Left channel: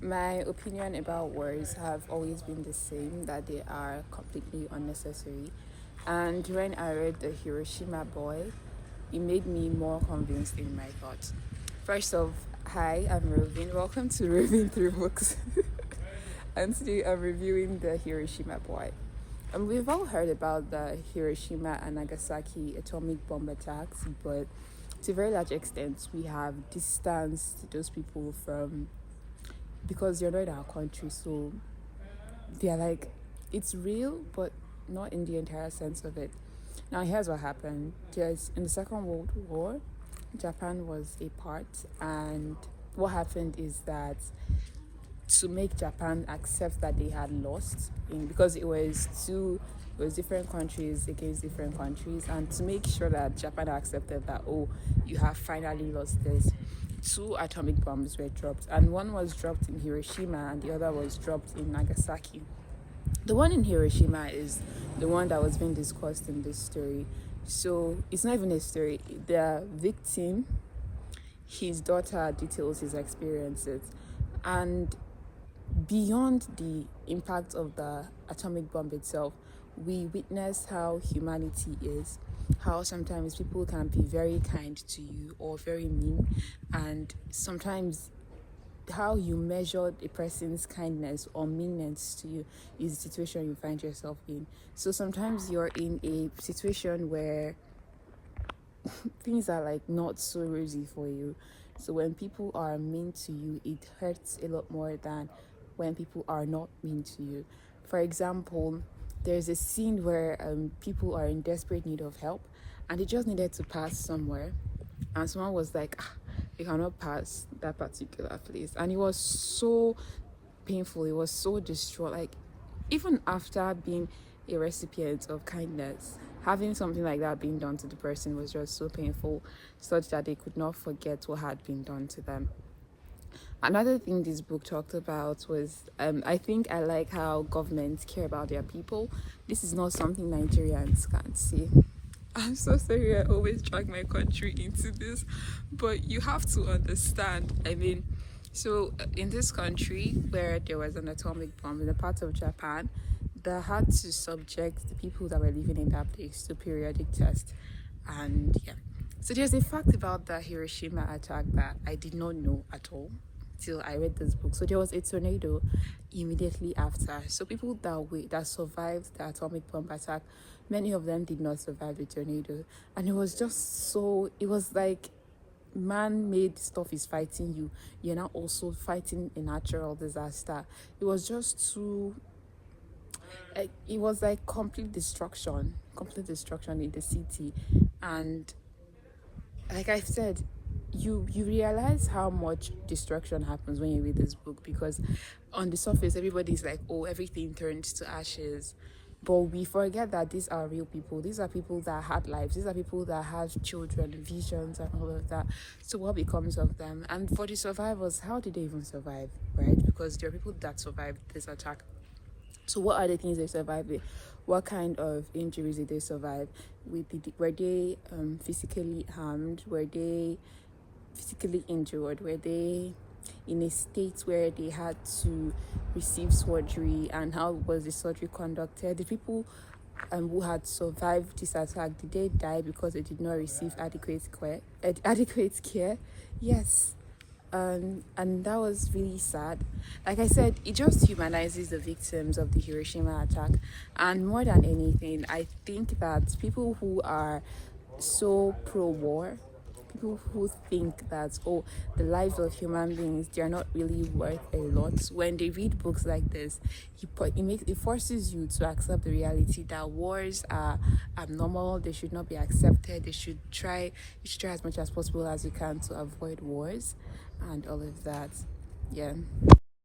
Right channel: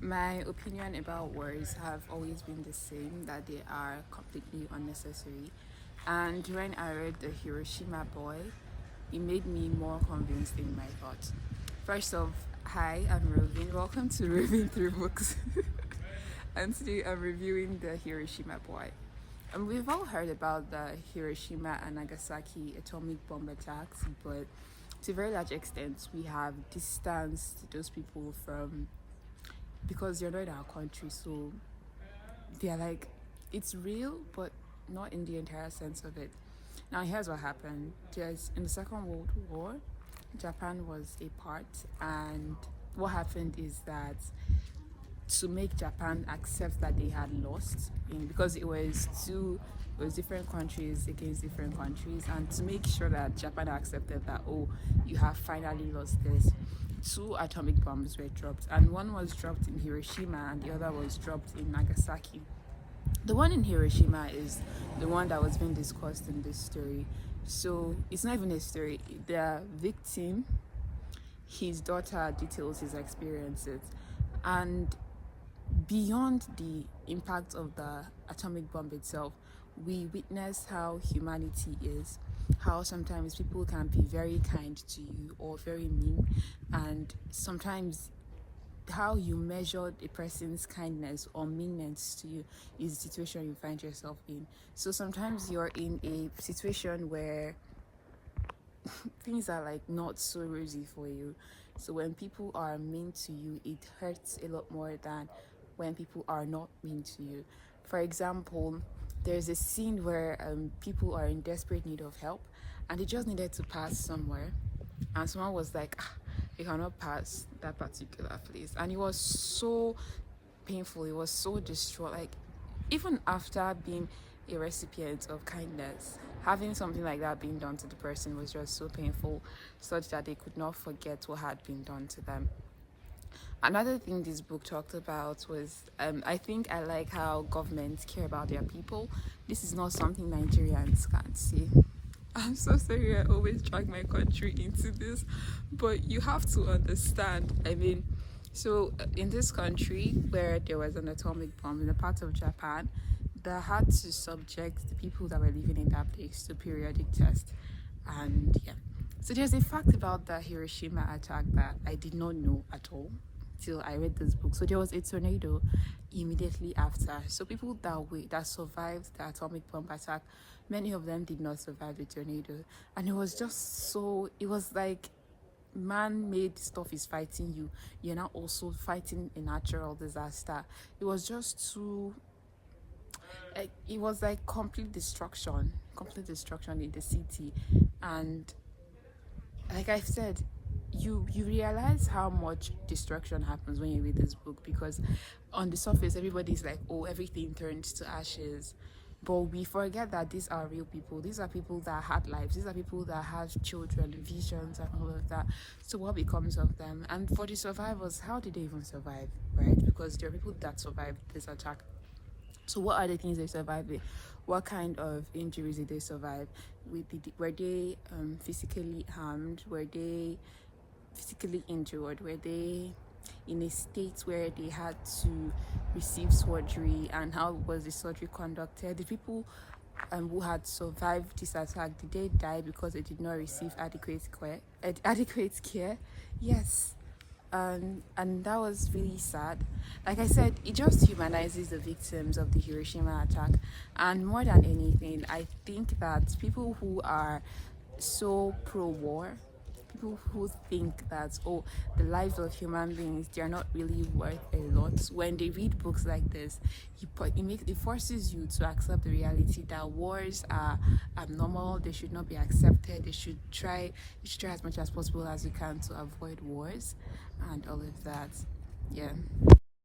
My opinion about wars have always been the same, that they are completely unnecessary. And when I read the Hiroshima Boy, it made me more convinced in my thoughts. First off, hi, I'm Roving. Welcome to Roving Through Books. And today I'm reviewing the Hiroshima Boy. And we've all heard about the Hiroshima and Nagasaki atomic bomb attacks, but to a very large extent, we have distanced those people from, because they're not in our country, so they're like, it's real, but not in the entire sense of it. Now, here's what happened. Just in the Second World War, Japan was a part, and what happened is that to make Japan accept that they had lost, because it was different countries against different countries, and to make sure that Japan accepted that, oh, you have finally lost this, 2 atomic bombs were dropped, and one was dropped in Hiroshima and the other was dropped in Nagasaki. The one in Hiroshima is the one that was being discussed in this story. So it's not even a story. The victim, his daughter, details his experiences, and beyond the impact of the atomic bomb itself, we witness how humanity is, how sometimes people can be very kind to you or very mean, and sometimes how you measure a person's kindness or meanness to you is the situation you find yourself in. So sometimes you're in a situation where things are like not so rosy for you. So when people are mean to you, it hurts a lot more than when people are not mean to you. For example, there's a scene where people are in desperate need of help and they just needed to pass somewhere, and someone was like, you cannot pass that particular place, and it was so painful, it was so distraught. Like, even after being a recipient of kindness, having something like that being done to the person was just so painful, such that they could not forget what had been done to them. Another thing this book talked about was, I think I like how governments care about their people. This is not something Nigerians can see. I'm so sorry I always drag my country into this, but you have to understand. I mean, so in this country where there was an atomic bomb in a part of Japan, they had to subject the people that were living in that place to periodic tests. And yeah, so there's a fact about the Hiroshima attack that I did not know at all till I read this book. So there was a tornado immediately after. So people that survived the atomic bomb attack, many of them did not survive the tornado. And it was just so, it was like man-made stuff is fighting you. You're now also fighting a natural disaster. It was just too, it was like complete destruction in the city. And like I said, you realize how much destruction happens when you read this book, because on the surface everybody's like, oh, everything turns to ashes, but we forget that these are real people. These are people that had lives. These are people that have children, visions, and all of that. So what becomes of them? And for the survivors, how did they even survive, right? Because there are people that survived this attack. So what are the things they survived with? What kind of injuries did they survive with? Were they physically harmed? Were they physically injured? Were they in a state where they had to receive surgery, and how was the surgery conducted? The people who had survived this attack, did they die because they did not receive adequate care? Yes. And that was really sad. Like I said, it just humanizes the victims of the Hiroshima attack. And more than anything, I think that people who are so pro-war, people who think that, oh, the lives of human beings, they're not really worth a lot, when they read books like this, it forces you to accept the reality that wars are abnormal. They should not be accepted. You should try as much as possible as you can to avoid wars and all of that. Yeah.